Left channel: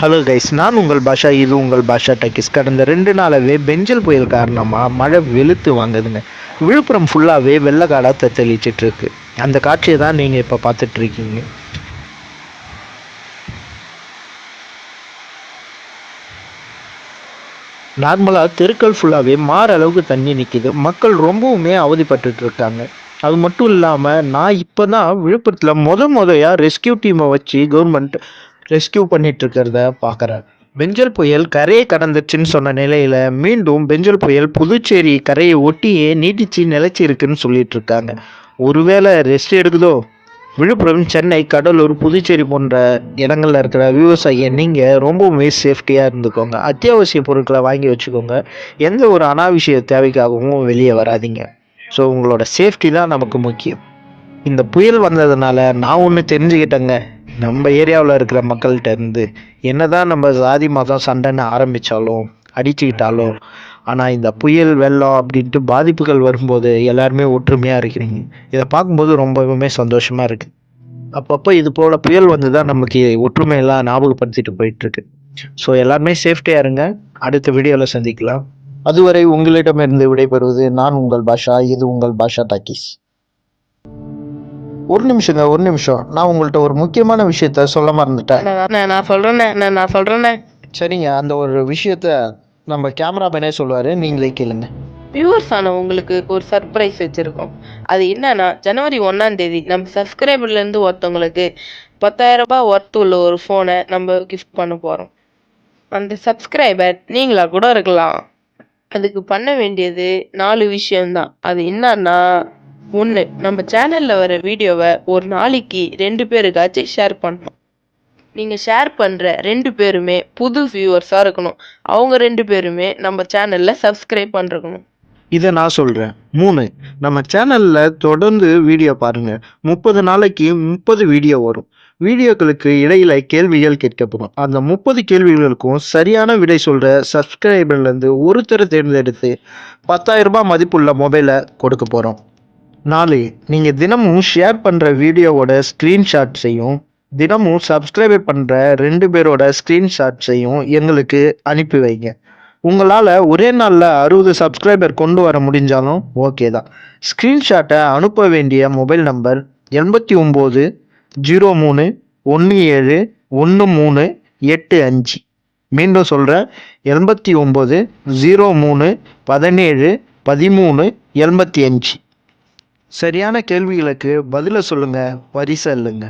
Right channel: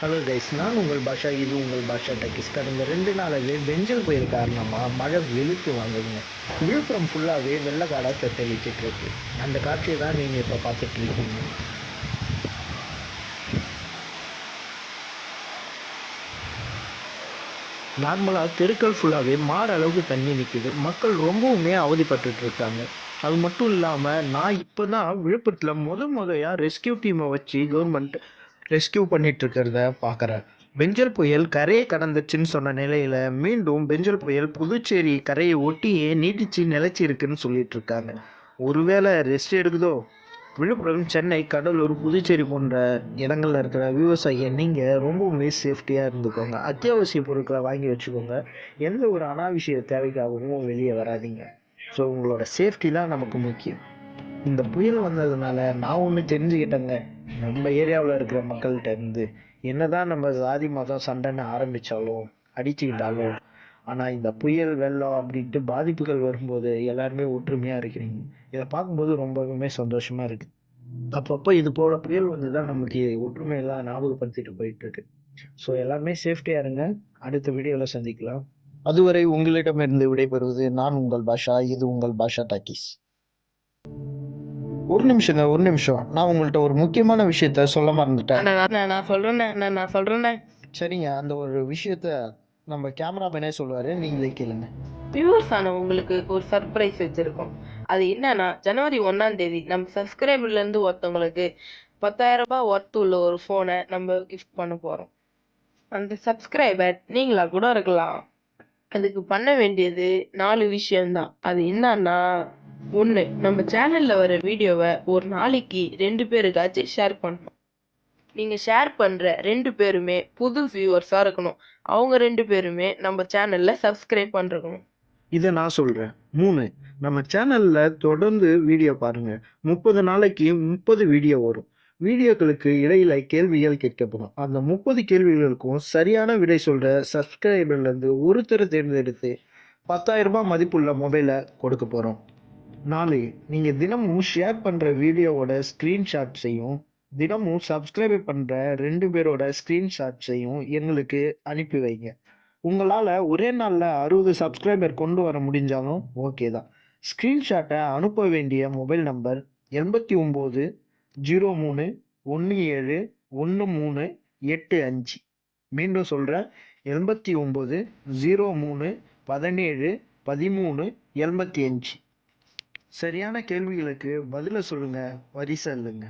Hello guys நான் உங்கள் பாஷா இது உங்கள் பாஷா டக்கிஸ். கடந்த ரெண்டு நாளாகவே பெஞ்சல் புயல் காரணமாக மழை வெளுத்து வாங்குதுங்க. விழுப்புரம் ஃபுல்லாகவே வெள்ளக்காடாக தத்தளிச்சிட்ருக்கு அந்த காட்சியை தான் நீங்கள் இப்போ பார்த்துட்ருக்கீங்க. நார்மலாக தெருக்கள் ஃபுல்லாகவே மாற அளவுக்கு தண்ணி நிற்கிது மக்கள் ரொம்பவுமே அவதிப்பட்டுட்டு இருக்காங்க அது மட்டும் இல்லாமல் நான் இப்போ தான் விழுப்புரத்தில் முத முதையாக ரெஸ்கியூ டீமை வச்சு கவர்மெண்ட் ரெஸ்கியூ பண்ணிட்டு இருக்கிறத பார்க்குறேன் பெஞ்சல் புயல் கரையை கடந்துச்சுன்னு சொன்ன நிலையில் மீண்டும் பெஞ்சல் புயல் புதுச்சேரி கரையை ஒட்டியே நீட்டிச்சு நிலச்சி இருக்குன்னு சொல்லிட்டு இருக்காங்க ஒருவேளை ரெஸ்ட் எடுக்குதோ? விழுப்புரம் சென்னை கடலூர் புதுச்சேரி போன்ற இடங்கள்ல இருக்கிற விவசாயியை நீங்கள் ரொம்பவுமே சேஃப்டியாக இருந்துக்கோங்க. அத்தியாவசிய பொருட்களை வாங்கி வச்சுக்கோங்க. எந்த ஒரு அனாவசிய தேவைக்காகவும் வெளியே வராதீங்க. ஸோ உங்களோட சேஃப்டி தான் நமக்கு முக்கியம். இந்த புயல் வந்ததுனால நான் ஒன்று தெரிஞ்சுக்கிட்டேங்க. நம்ம ஏரியாவில் இருக்கிற மக்கள்கிட்ட இருந்து என்னதான் நம்ம சாதி மதம் சண்டைன்னு ஆரம்பித்தாலும் அடிச்சுக்கிட்டாலும் ஆனால் இந்த புயல் வெள்ளம் அப்படின்ட்டு பாதிப்புகள் வரும்போது எல்லாருமே ஒற்றுமையாக இருக்கிறீங்க. இதை பார்க்கும்போது ரொம்பவுமே சந்தோஷமாக இருக்குது அப்பப்போ இது போல் புயல் வந்து தான் நமக்கு ஒற்றுமையெல்லாம் ஞாபகப்படுத்திட்டு போயிட்டுருக்கு. ஸோ எல்லாருமே சேஃப்டியாக இருங்க. அடுத்த வீடியோவில் சந்திக்கலாம். அதுவரை உங்களிடமிருந்து விடைபெறுவது நான் உங்கள் பாஷா இது உங்கள் பாஷா டாக்கீஸ் ஒரு நிமிஷங்க ஒரு நிமிஷம். நான் உங்கள்கிட்ட ஒரு முக்கியமான விஷயத்த சொல்ல மறந்துட்டேன். நான் நான் சொல்கிறேண்ணே நான் நான் சொல்கிறேண்ணே சரிங்க அந்த ஒரு விஷயத்த நம்ம கேமராமேனே சொல்லுவார். நீங்களே கேளுங்க. வியூவர்ஸ் ஆன உங்களுக்கு ஒரு சர்ப்ரைஸ் வச்சுருக்கோம். அது என்னன்னா ஜனவரி ஒன்றாம் தேதி நம்ம சப்ஸ்கிரைபர்லேருந்து ஒருத்தவங்களுக்கு பத்தாயிரம் ரூபாய் ஒர்த் உள்ள ஒரு ஃபோனை நம்ம கிஃப்ட் பண்ண போகிறோம் அந்த சப்ஸ்கிரைபர் நீங்களா கூட இருக்கலாம். அதுக்கு பண்ண வேண்டியது நாலு விஷயம்தான். அது என்னன்னா ஒன்று நம்ம சேனலில் வர வீடியோவை ஒரு நாளைக்கு ரெண்டு பேருக்காச்சும் ஷேர் பண்ணணும். நீங்கள் ஷேர் பண்ணுற ரெண்டு பேருமே புது வியூவர்ஸாக இருக்கணும். அவங்க ரெண்டு பேருமே நம்ம சேனலில் சப்ஸ்கிரைப் பண்ணிருக்கணும். இதை நான் சொல்கிறேன் மூணு நம்ம சேனலில் தொடர்ந்து வீடியோ பாருங்கள் முப்பது நாளைக்கு முப்பது வீடியோ வரும். வீடியோக்களுக்கு இடையில கேள்விகள் கேட்கப்படும். அந்த முப்பது கேள்விகளுக்கும் சரியான விடை சொல்கிற சப்ஸ்கிரைபர்லேருந்து ஒருத்தரை தேர்ந்தெடுத்து பத்தாயிரம் ரூபாய் மதிப்புள்ள மொபைலை கொடுக்க போகிறோம் நாலு நீங்கள் தினமும் ஷேர் பண்ணுற வீடியோவோட ஸ்க்ரீன்ஷாட்ஸையும் தினமும் சப்ஸ்கிரைப் பண்ணுற ரெண்டு பேரோட ஸ்க்ரீன்ஷாட்ஸையும் எங்களுக்கு அனுப்பி வைங்க. உங்களால் ஒரே நாளில் அறுபது சப்ஸ்கிரைபர் கொண்டு வர முடிஞ்சாலும் ஓகே தான். ஸ்க்ரீன்ஷாட்டை அனுப்ப வேண்டிய மொபைல் நம்பர் எண்பத்தி ஒம்பது ஜீரோ மூணு ஒன்று ஏழு ஒன்று மூணு எட்டு அஞ்சு. மீண்டும் சொல்கிறேன் எண்பத்தி ஒம்பது ஜீரோ மூணு பதினேழு பதிமூணு எண்பத்தி அஞ்சு. சரியான கேள்விகளுக்கு பதிலை சொல்லுங்கள் வரிசை இல்லைங்க